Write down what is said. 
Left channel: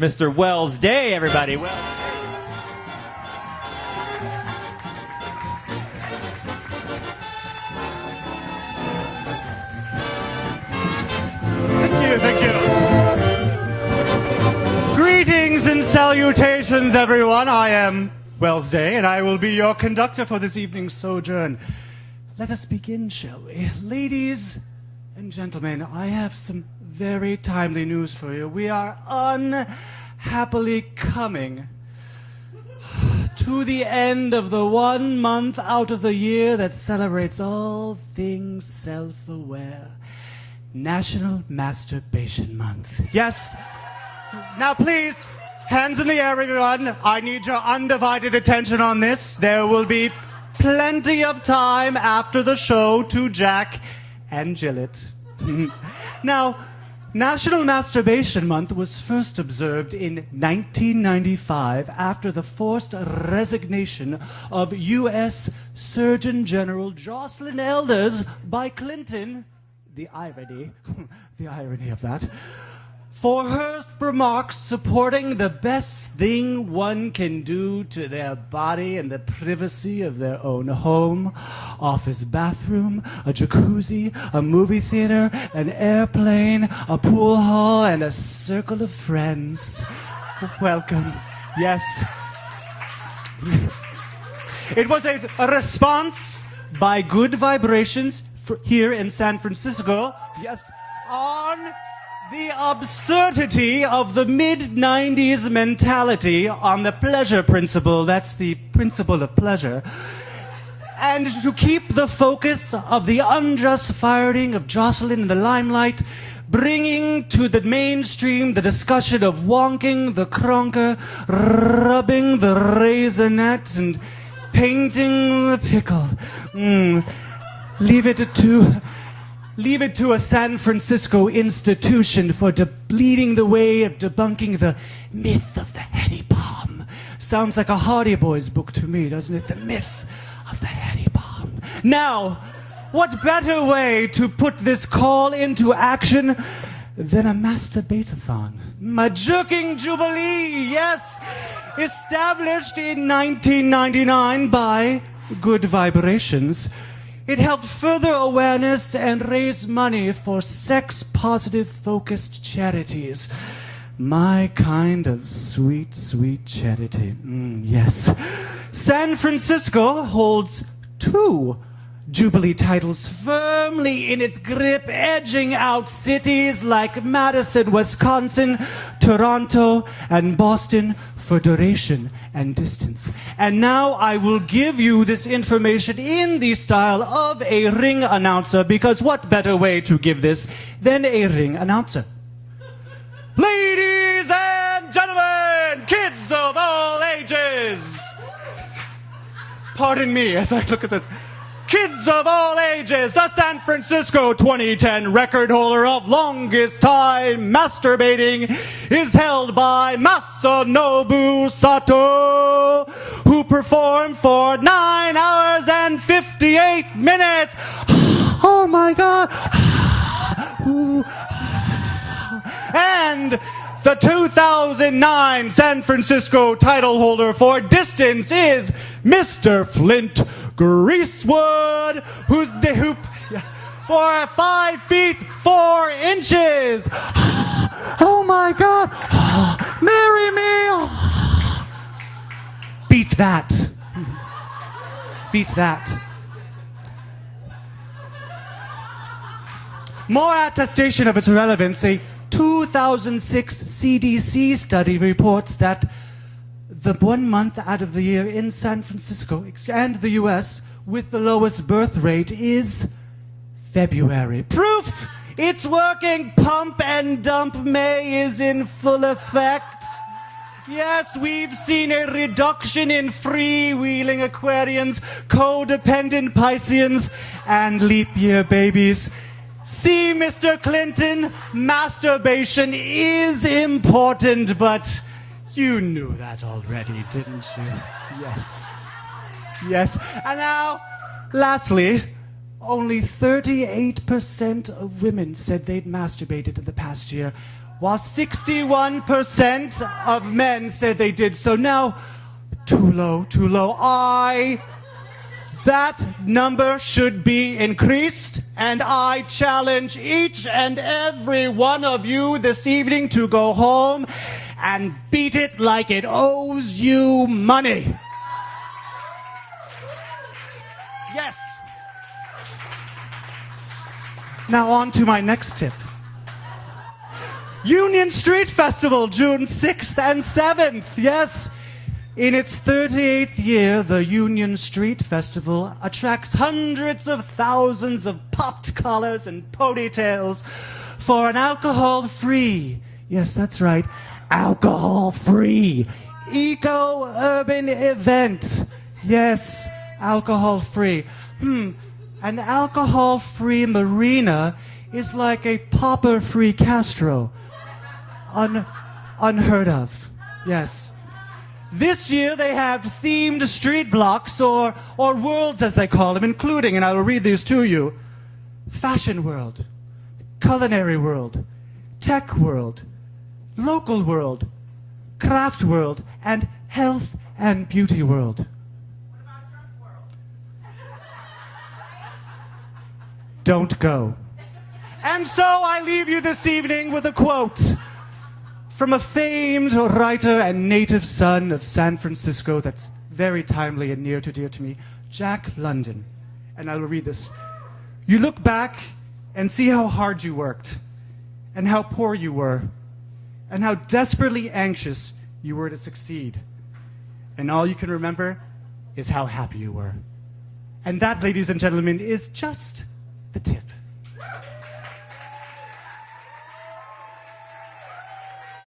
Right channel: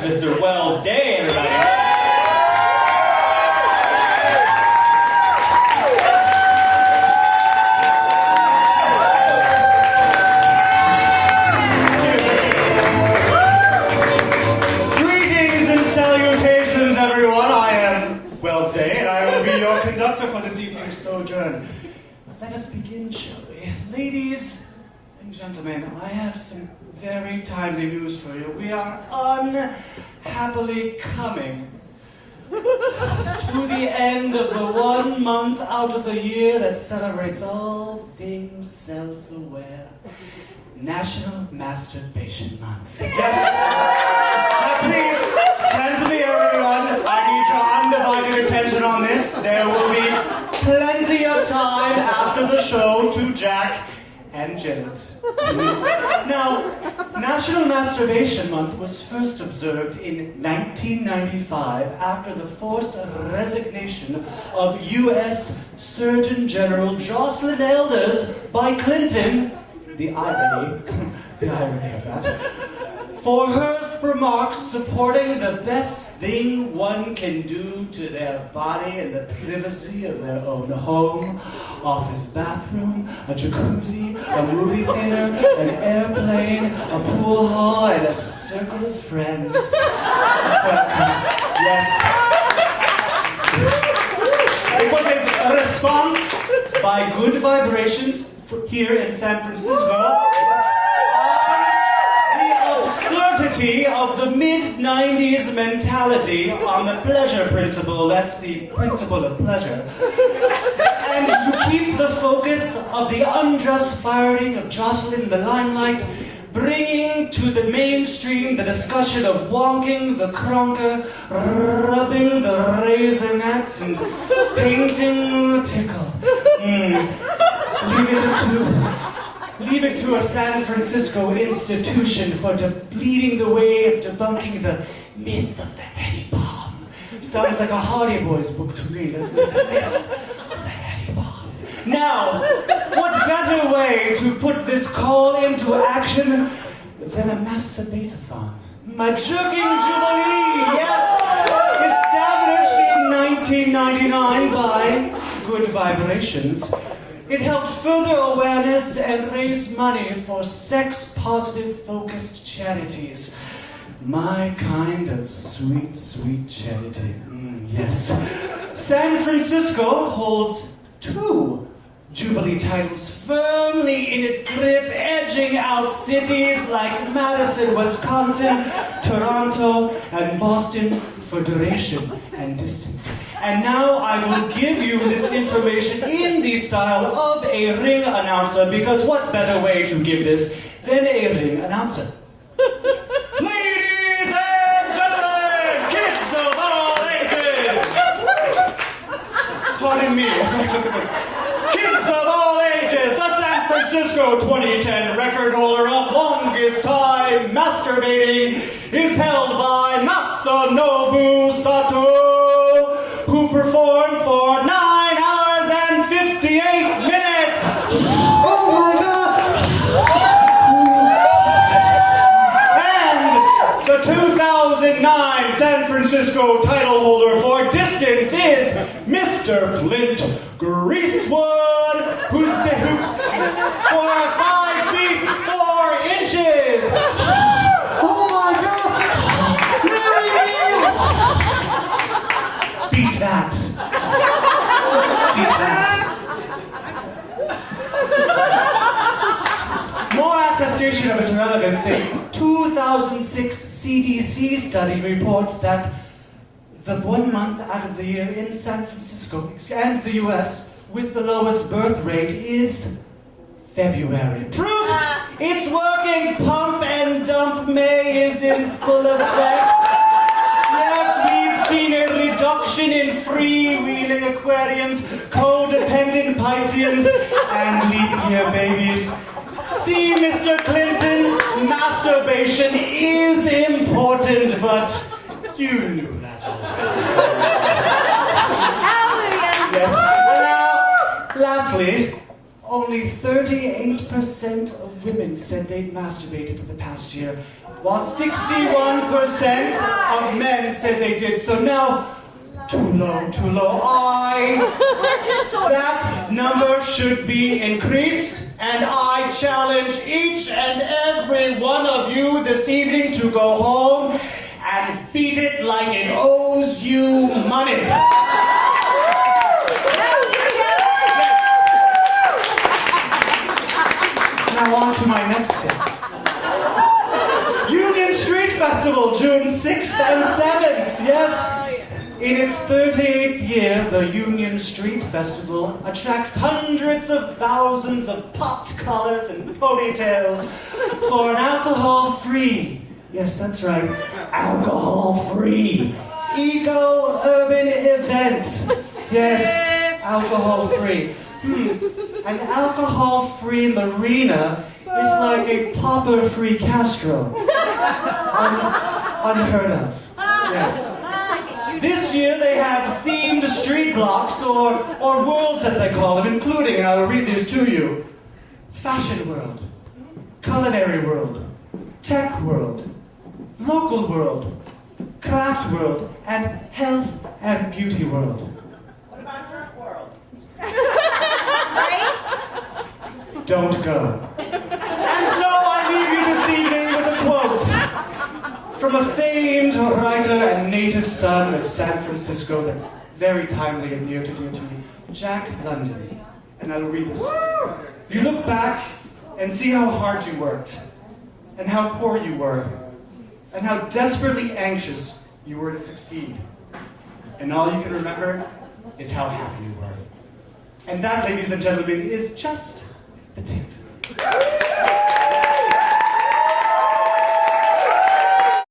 Mr. Wells Day, everybody. Thank you. Greetings and salutations, everyone. I am Wells Day, and I will be your conductor for this evening's sojourn. Let us begin, shall we? Ladies and gentlemen, I have some very timely news for you. We are unhappily coming to the end of the 1 month out of the year that celebrates all things self-aware. National Masturbation Month. Yes? Now please, hands in the air, everyone. I need your undivided attention on this. There will be plenty of time after the show to jack and jill it. Now, National Masturbation Month was first observed in 1995 after the forced resignation of U.S. Surgeon General Jocelyn Elders by Clinton, the irony of that, for her remarks supporting the best thing one can do to their body in the privacy of their own home, office bathroom, a jacuzzi, a movie theater, an airplane, a pool hall, and a circle of friends. Welcome. Yes. It was a response by Good Vibrations here in San Francisco. Yes. Absurdity of the mid-90s mentality on the pleasure principle. That's the principle of pleasure. And to keep the focus of the unjust firing of Jocelyn in the limelight, bringing to the mainstream the discussion of wonking the cronker, rubbing the raisinets, and painting the pickle. Leave it to a San Francisco institution for leading the way of debunking the myth of the heady palm. Sounds like a Hardy Boys book to me, doesn't it? The myth of the heady palm. Now, what better way to put this call into action than a masturbate-a-thon? A jerking jubilee, yes! Established in 1999 by Good Vibrations. It helped further awareness and raise money for sex-positive focused charities. My kind of sweet, sweet charity. Yes. San Francisco holds 2 Jubilee titles firmly in its grip, edging out cities like Madison, Wisconsin, Toronto, and Bastion for duration and distance. And now I will give you this information in the style of a ring announcer, because what better way to give this than a ring announcer? Ladies and gentlemen, kids of all ages! Pardon me as I look at the kids of all ages, the San Francisco 2010 record holder of longest time masturbating is held by Masanobu Sato, who performed for 9 hours and 58 minutes. Oh my God. And the 2009 San Francisco title holder for distance is Mr. Flint Greasewood, who for 5 feet 4 inches. Oh my God! Marry me! Beat that. Beat that. More attestation of its relevance, a 2006 CDC study reports that the 1 month out of the year in San Francisco and the US with the lowest birth rate is February. Proof it's working. Pump and dump May is in full effect. Yes, we've seen a reduction in freewheeling Aquarians, codependent Pisceans, and leap year babies. See, Mr. Clinton, masturbation is important, but you knew that already. Yes. And now, lastly, only 38% of women said they'd masturbated in the past year, while 61% of men said they did so. Now, too low, too low. That number should be increased, and I challenge each and every one of you this evening to go home and beat it like it owes you money. Yes. Now on to my next tip. Union Street Festival, June 6th and 7th. Yes. In its 38th year, the Union Street Festival attracts hundreds of thousands of popped collars and ponytails for an alcohol-free, yes, that's right, alcohol-free, eco-urban event. Yes, alcohol-free. An alcohol-free marina is like a popper-free Castro. Unheard of. Yes. This year they have themed street blocks, or worlds as they call them, including, and I will read these to you, fashion world, culinary world, tech world, local world, craft world, and health and beauty world. What about Earth world? Don't go. And so I leave you this evening with a quote from a famed writer and native son of San Francisco that's very timely and near to dear to me, Jack London. And I will read this. You look back and see how hard you worked, and how poor you were, and how desperately anxious you were to succeed. And all you can remember is how happy you were. And that, ladies and gentlemen, is just the tip.